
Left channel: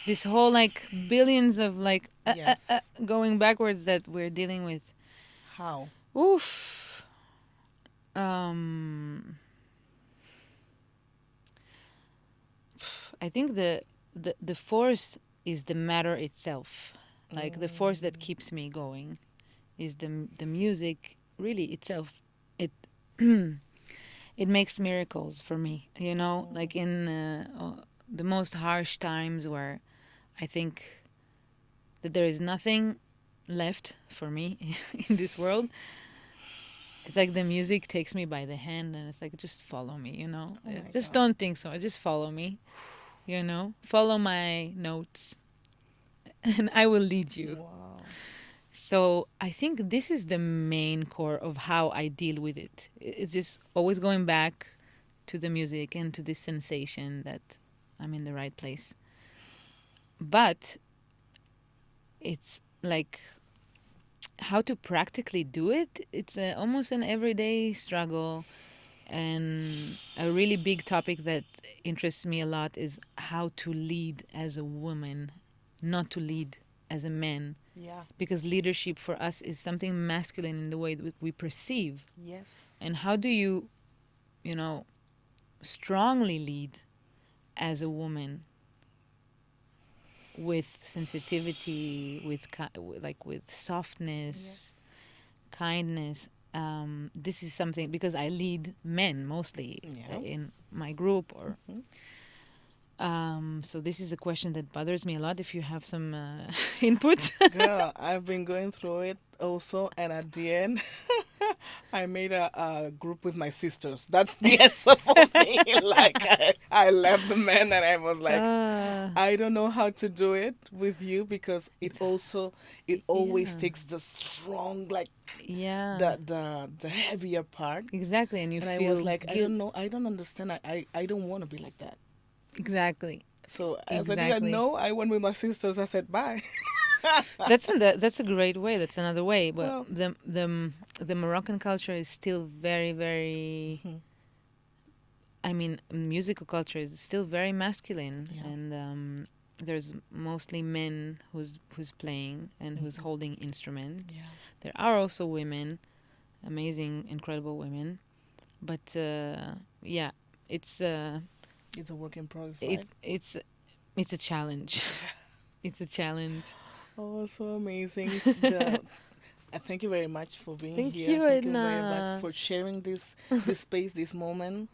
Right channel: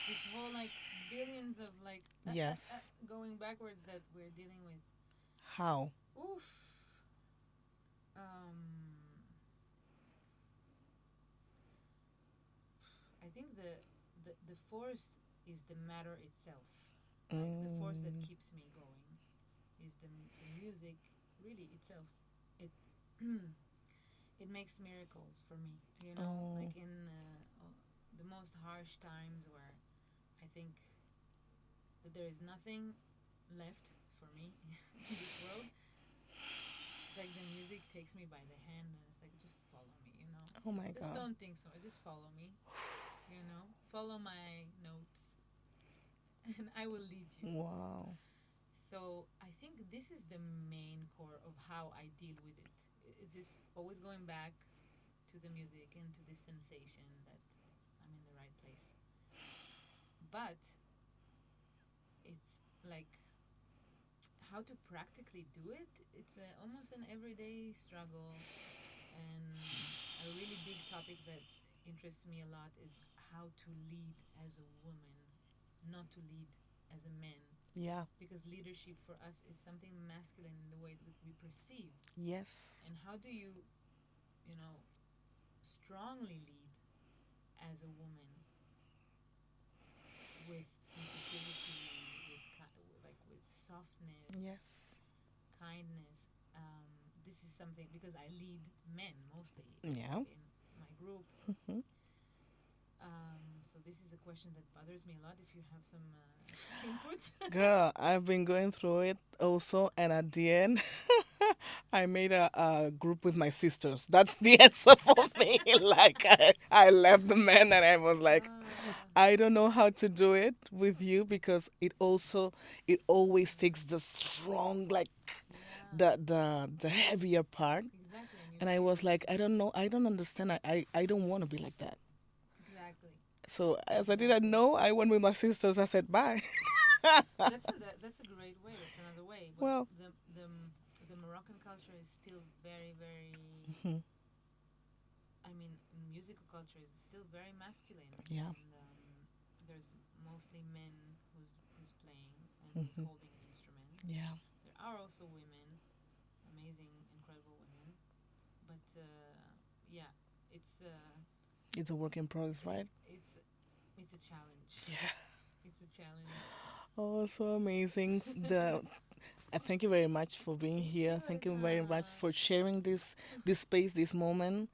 This whole like billions of like Yes. going backwards that we're dealing with. How? Oof. Um I think the force is the matter itself. Like the force that Mm. keeps me going is the music really itself. It it makes miracles for me, you know, Oh. like in the most harsh times where I think that there is nothing left for me in this world. It's like the music takes me by the hand and it's like, just follow me, you know? Oh my Just God. don't think so. Just follow me, you know? Follow my notes and I will lead you. Wow. So I think this is the main core of how I deal with it. It's just always going back to the music and to this sensation that I'm in the right place. But it's like how to practically do it. It's almost an everyday struggle. And a really big topic that interests me a lot is how to lead as a woman, not to lead as a man. Yeah. Because leadership for us is something masculine in the way that we perceive. Yes. And how do you, you know, strongly lead as a woman with sensitivity, with softness, Yes. kindness. This is something because I lead men mostly Yeah. in my group, or Mhm. so this is a question that bothers me a lot. If you have some input, Girl, I've been going through it also, and at the end, I made a group with my sisters. That's the answer for me. Like I left the men, and I was like, uh, I don't know how to do it with you because it always yeah, takes the strong, like yeah, the heavier part. exactly, and you And I was feel like, I guilt. don't know, I don't understand. I don't want to be like that. Exactly, So as I didn't exactly. know, I went with my sisters. I said bye. That's a great way. That's another way. But Well, the Moroccan culture is still very, very. mhm, I mean, musical culture is still very masculine, yeah, and there's mostly men who's playing and who's mhm, holding instruments. yeah. There are also women, amazing, incredible women, but yeah, it's It's a work in progress, it right? it's a challenge. It's a challenge. Oh, so amazing. The thank you very much for being Thank here. you, Thank you very much Edna. for sharing this space, this moment,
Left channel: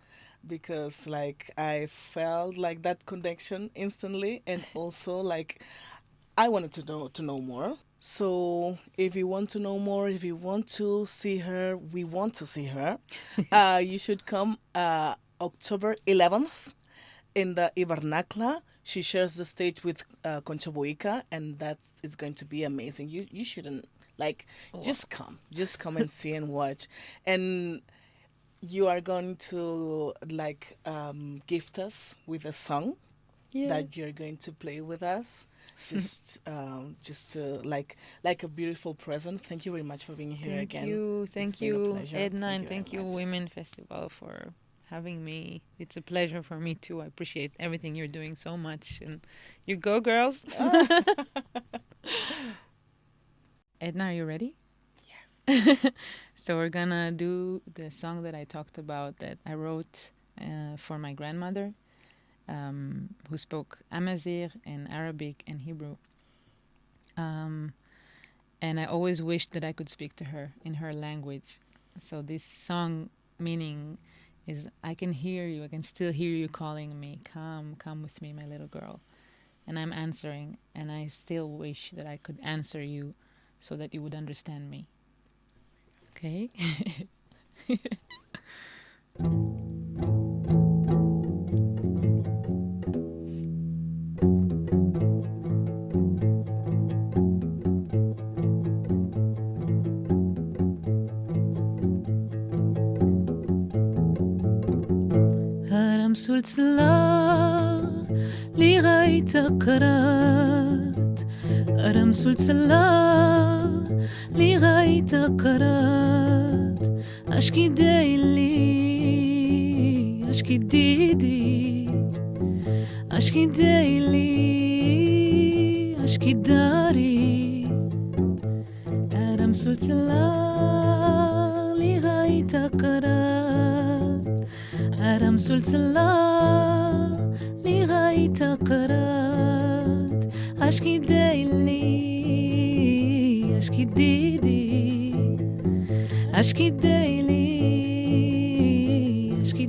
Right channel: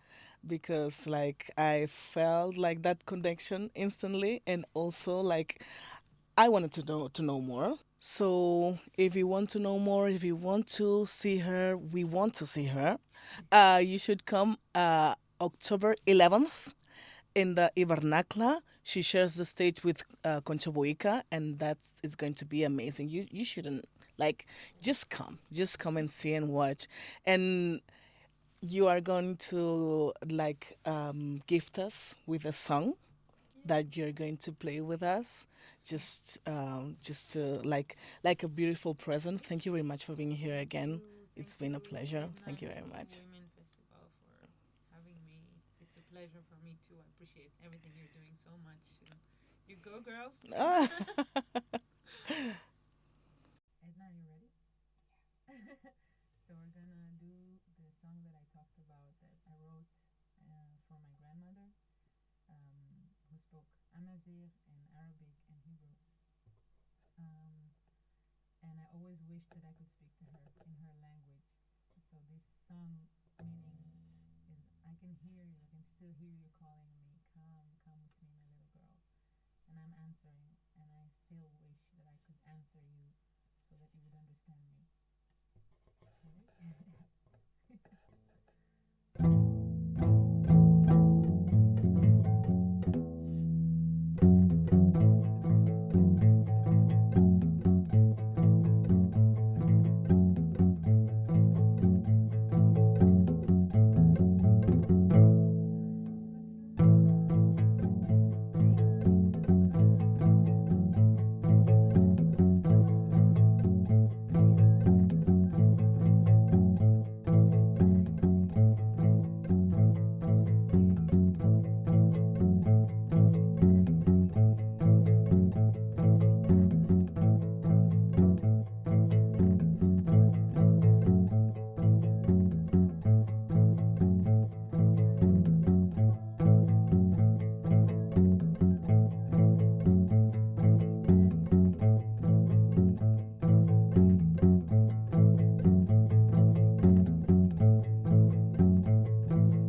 because like I felt like that connection instantly, and also like I wanted to know more. So if you want to know more, if you want to see her, we want to see her. You should come October 11th in the Ivernacla. She shares the stage with Concha Boica, and that is going to be amazing. You shouldn't like Wow. just come and see and watch, and you are going to like gift us with a song Yeah. that you're going to play with us. Just to like a beautiful present. Thank you very much for being here again. It's Thank been a you, pleasure. Edna, Thank and you very thank you, much. Women Festival, for having me. It's a pleasure for me too. I appreciate everything you're doing so much, and you go, girls. Ah, Edna, are you ready? So we're gonna do the song that I talked about that I wrote for my grandmother, who spoke Amazigh and Arabic and Hebrew. Um, and I always wished that I could speak to her in her language. So this song meaning is, I can hear you, I can still hear you calling me, come, come with me, my little girl. And I'm answering, and I still wish that I could answer you so that you would understand me. Okay? هرم سلسلة لغاية قرات هرم سلسلة لغاية قرات أشكي دايلي أشكي ديدي أشكي دايلي أشكي داري هرم سلسلة لغاية قرات هرم سلسلة لغاية قرات أشكي دايلي أشكي ديدي أشكي دايلي أشكي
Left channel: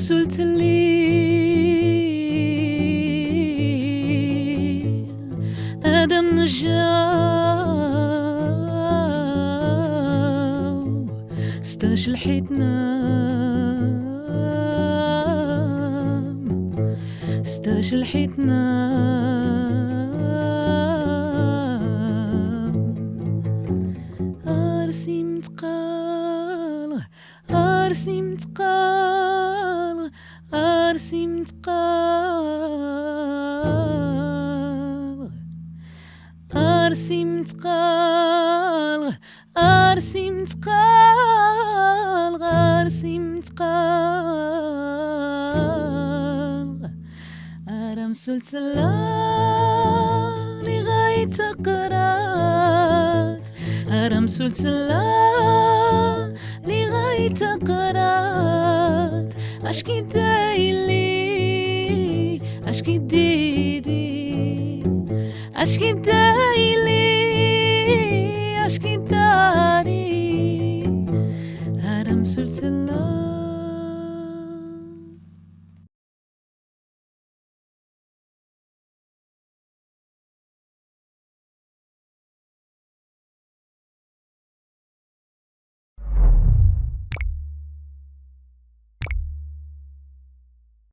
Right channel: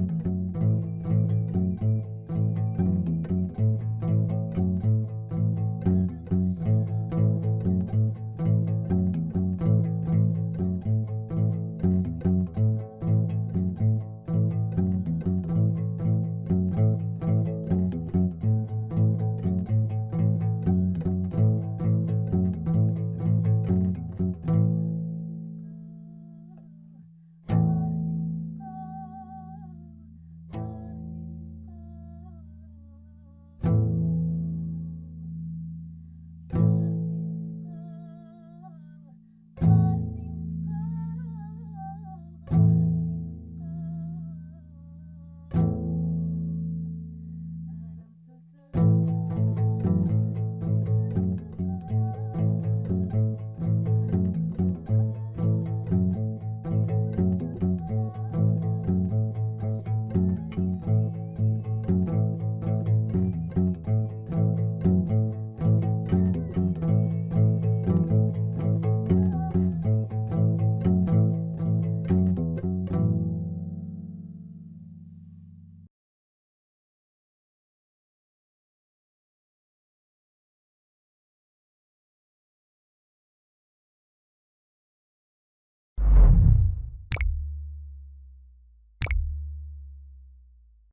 رسلت لي آدم نجاو ستاش الحيتنا ستاش الحيتنا أرسي متقال أرسي متقال أرسي متقال أرسي متقال أرسي متقال أرسي متقال أرم سلسلة لغاية قرات أرم سلسلة لغاية قرات أشكي دايلي أشكي ديدي أشكي دايلي أشكي